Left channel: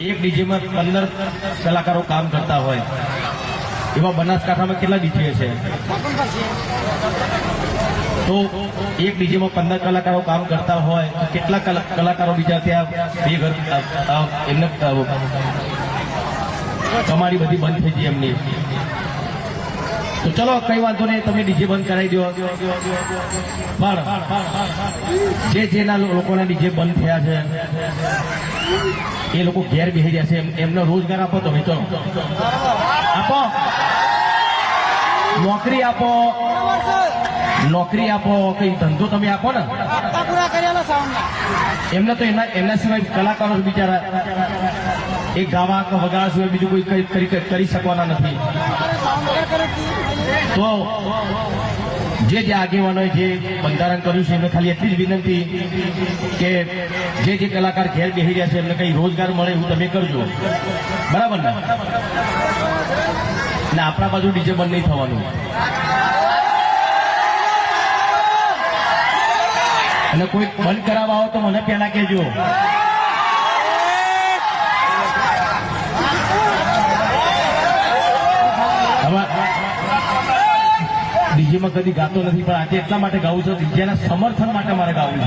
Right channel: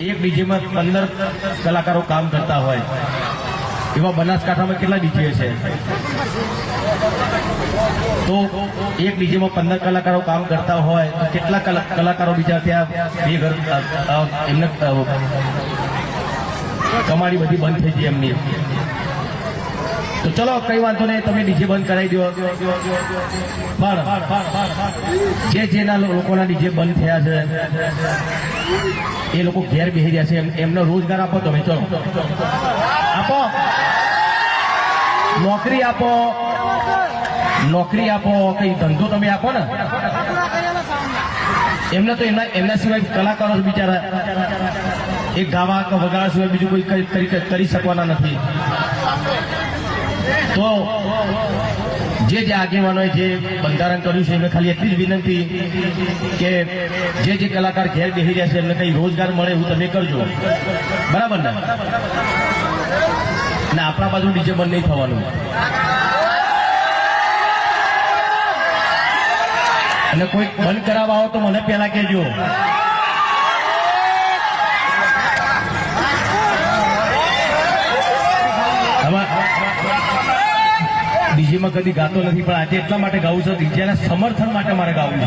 એક ડીજેમાં પંદર કલાકારો કામ કરતા હોય. એવા બનાસકાંઠામાં કેટલા ડીજે છે? તો એક ડીજેમાં પંદર કલાકારો કામ કરતા હોય તો કેટલા કલા- કલાકારો બીજા ત્યાં બે ઘર એમને અ, કમાણી બધી બંધ થઈ ગઈ એમની. તો ચલો, કઈ વાંધો નહીં, તમે ડીજે બંધ કરાવી દો. પણ જે જેના લોકોના ડીજે બંધ થયા છે, એ લોકો ઘેર બેસી રહ્યા છે. એમ- એમને રોજગાર આપો તમે, ચલો. આપો. નોકરી આપો. નોકરી આપો. કઈ ધંધો તમે આપો ને? એમને તો એમના એમના સિવાય કલાકારો બિચારા. એ ગાવા વગાડવા સિવાય બીજું કોઈ કરી શકવાના નથી. તો જે જે આગેવાનોએ જે બંધારણ કર્યું છે, એમને ખાલી એટલી જ વિનંતી કે જે જે કલાકાર ઘેર બેસી રહ્યા છે, એમને કંઈ રોજગાર મળે એવું તમે કરજો. બરાબર ને? ના આપણા બાજુ ડીજે બંધ નહીં થવાનું. અને કોઈ બંધ કરાવવા આવો તો મને પહેલા કહેજો. ડીજેમાં કદી ગાતો નથી પણ આજે એટલા માટે ગાવું છે ડીજેના સમર્થન માટે મારે ગાવું છે.